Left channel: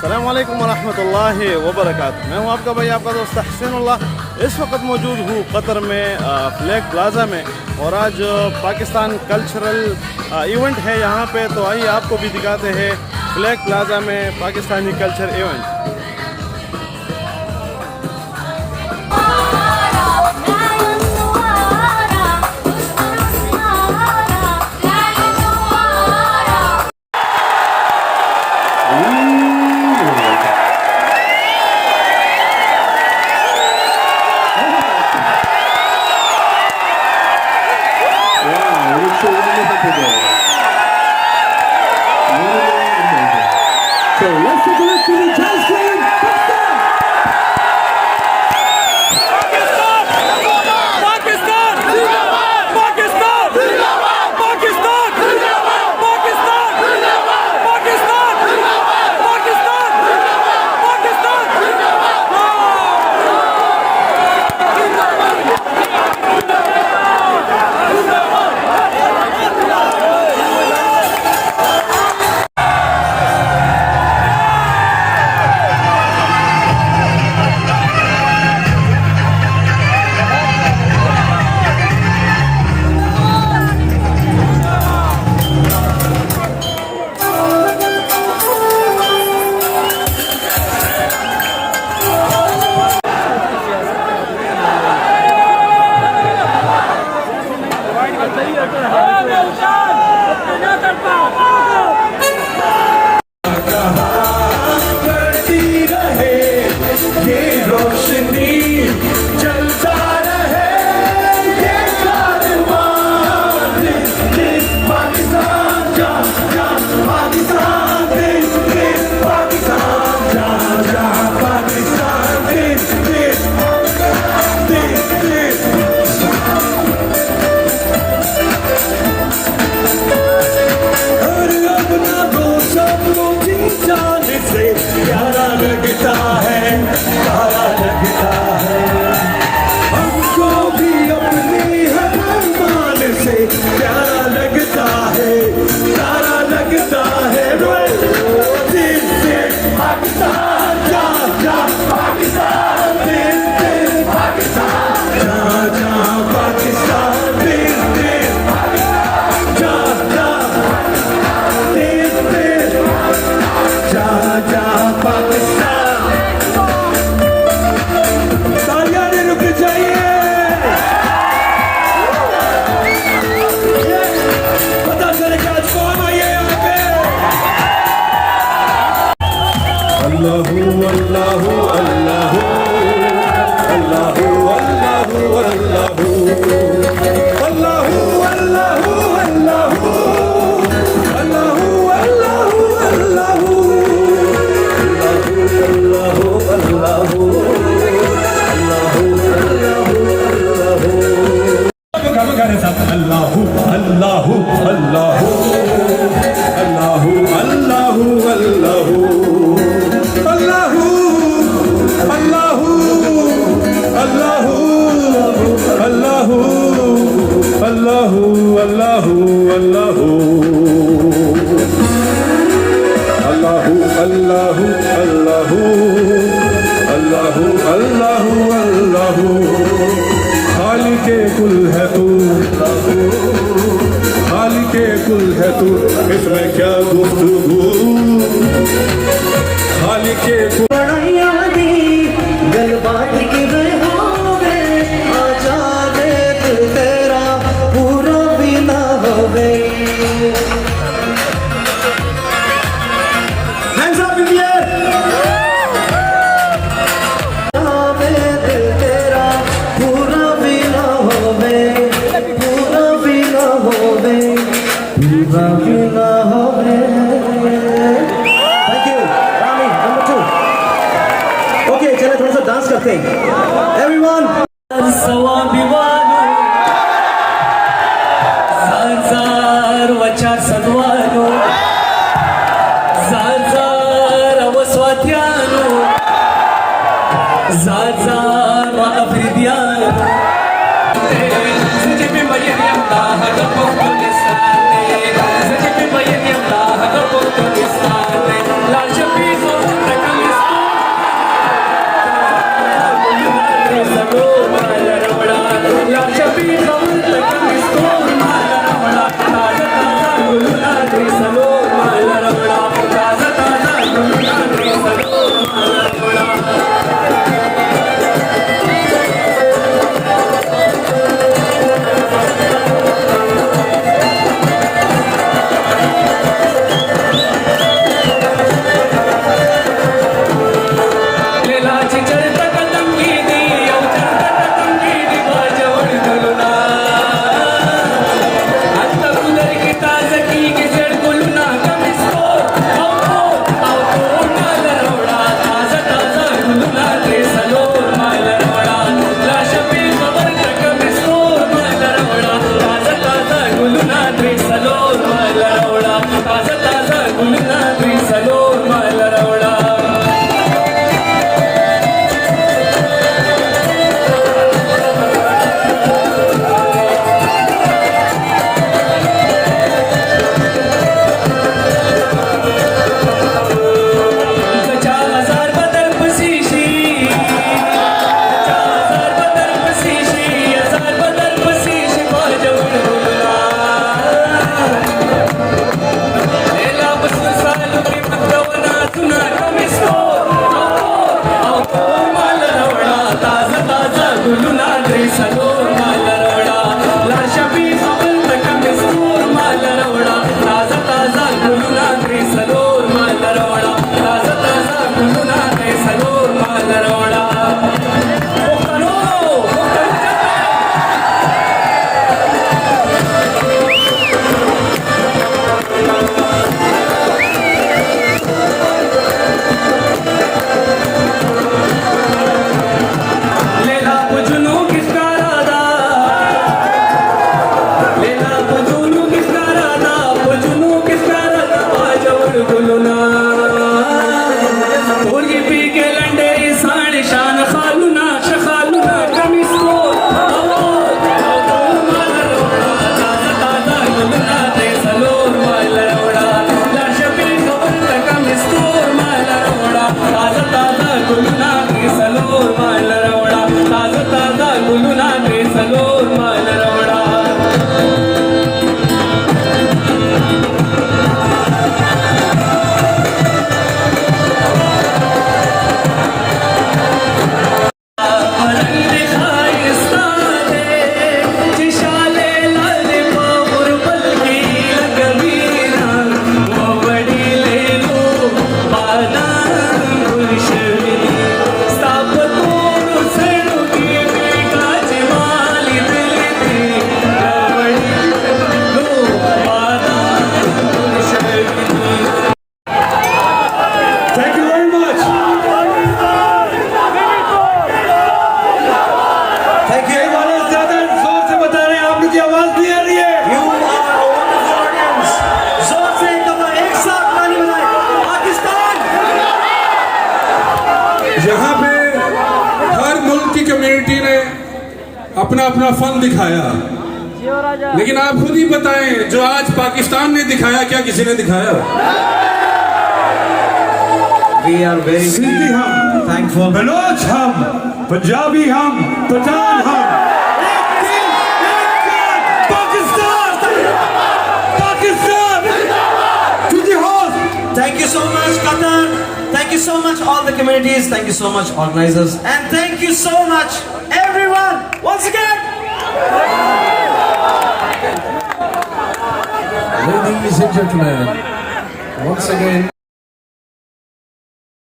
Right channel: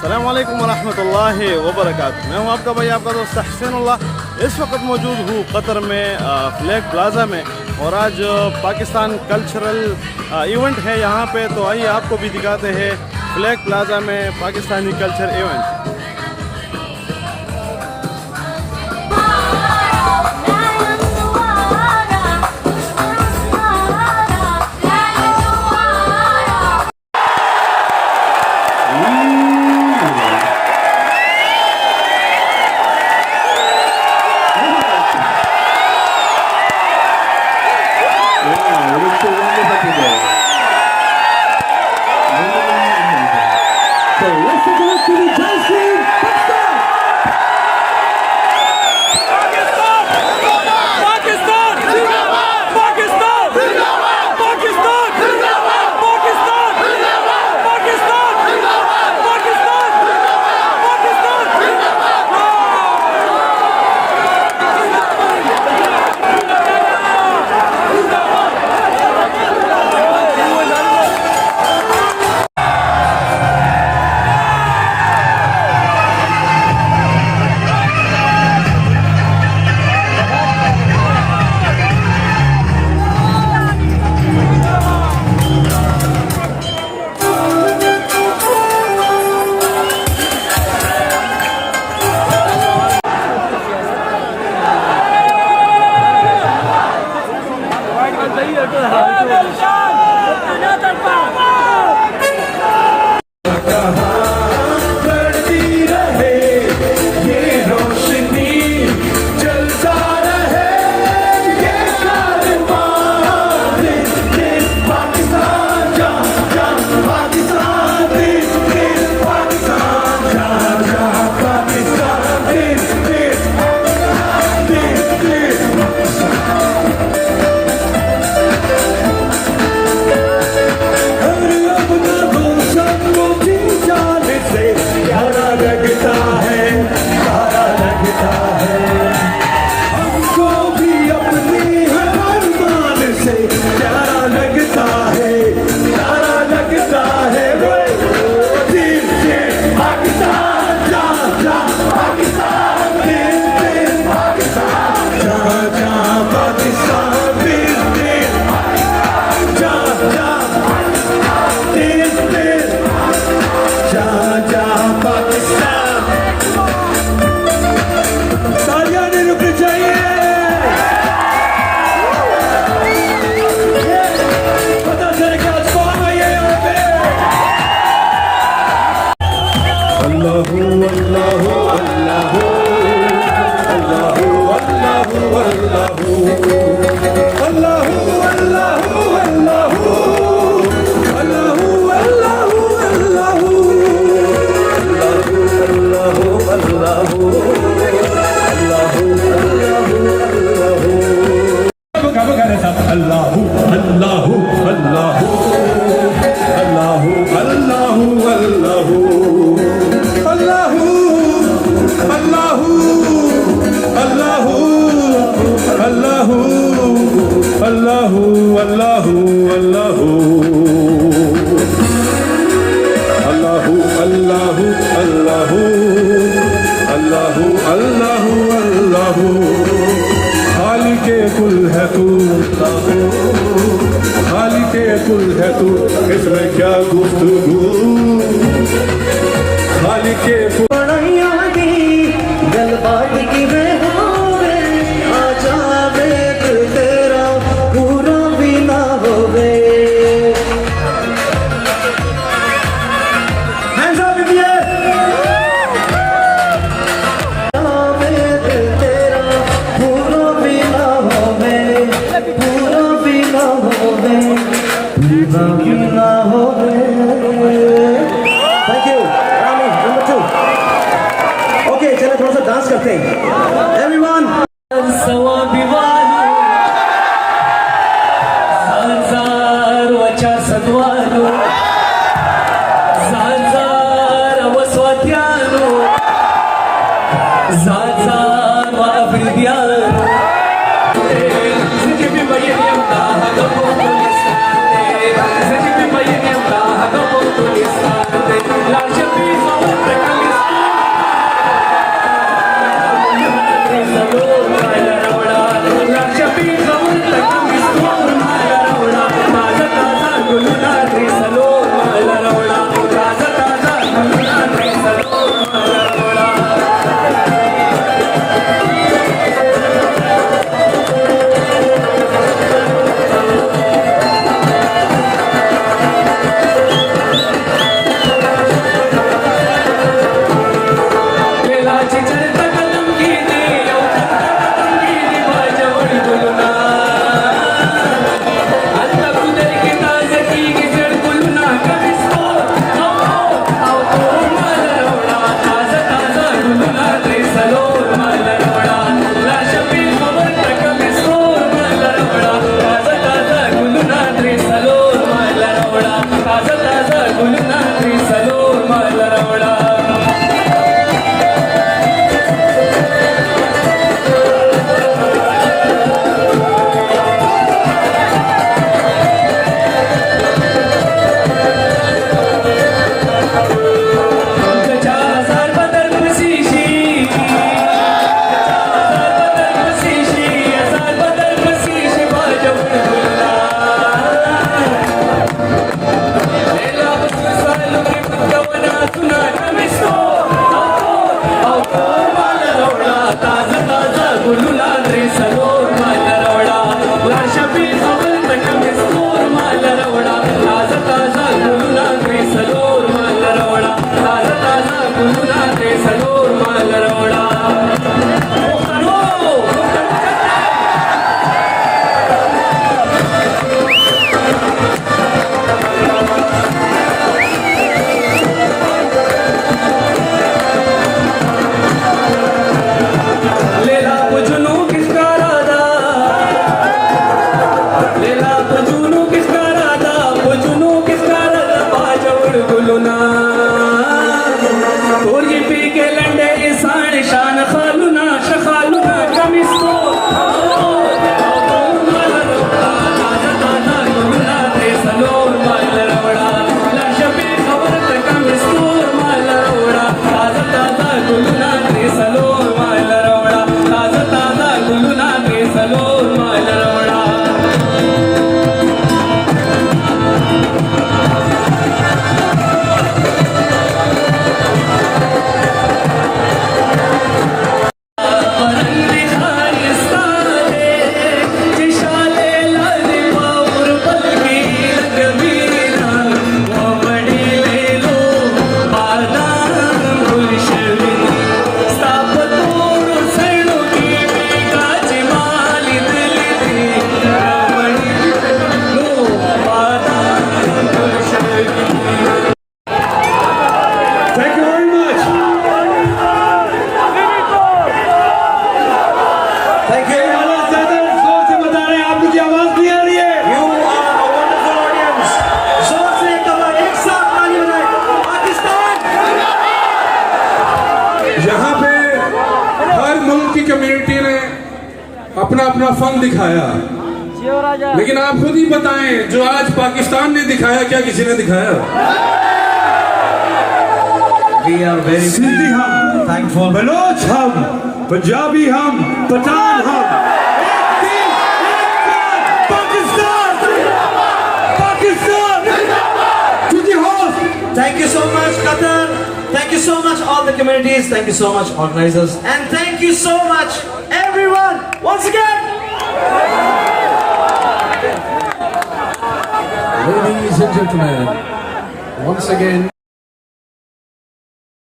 अस्सलाम वालेकुम वरहमतुल्लाहि वबरकातुहू। मैं हूं आपका भाई, आपका दोस्त तहसीनुल्लाह। इस वक्त मौजूद हूं कतर में फ्लैग प्लाजा में, और आज पाकिस्तान कल्चरल इवेंट है यहाँ पे। तो आइए आपको भी दिखाते हैं फ्लैग प्लाजा में Pakistani culture event. So let's take a look to the dance screen. Pakistan! Pakistan! Zindabad! Pakistan! Zindabad! Pakistan! Zindabad! Pakistan! Zindabad! Pakistan! Zindabad! Pakistan! Zindabad! Pakistan! Zindabad! Pakistan! Zindabad! इसमें क्या गुफ्तगू खाली के गलबात की आ जावे तेरा पूरा भी ना होवे। चले थोड़ा सा डांस करते हैं एवरीवन। Last पी के लंडे इंसान शान खालुना शखालुना कमिस्तो Thank you very much. Thank you. आवाज ज्यादा जोर से बता रहे हैं, आप लोग की आवाज नहीं आ रही है. You are a wonderful audience. जोर से कहो, एक साथ ताली बजाएं. पाकिस्तान यहाँ पे हर मुल्क की कम्युनिटी ने अपना अपना फन दिखाया, लेकिन आप खुद ही बताएं जो आज पाकिस्तान ने दिखाया क्या किसी ने दिखाया? We are very thankful. Baloch हम, पंजाबी हम, पठान हम. Pakistan, Pakistan. Thank you so much, Qatar. Thank you so much, all the communities. Thank you so much, organizers, and thank you so much, everyone. Once again. Ladies and gentlemen, once again.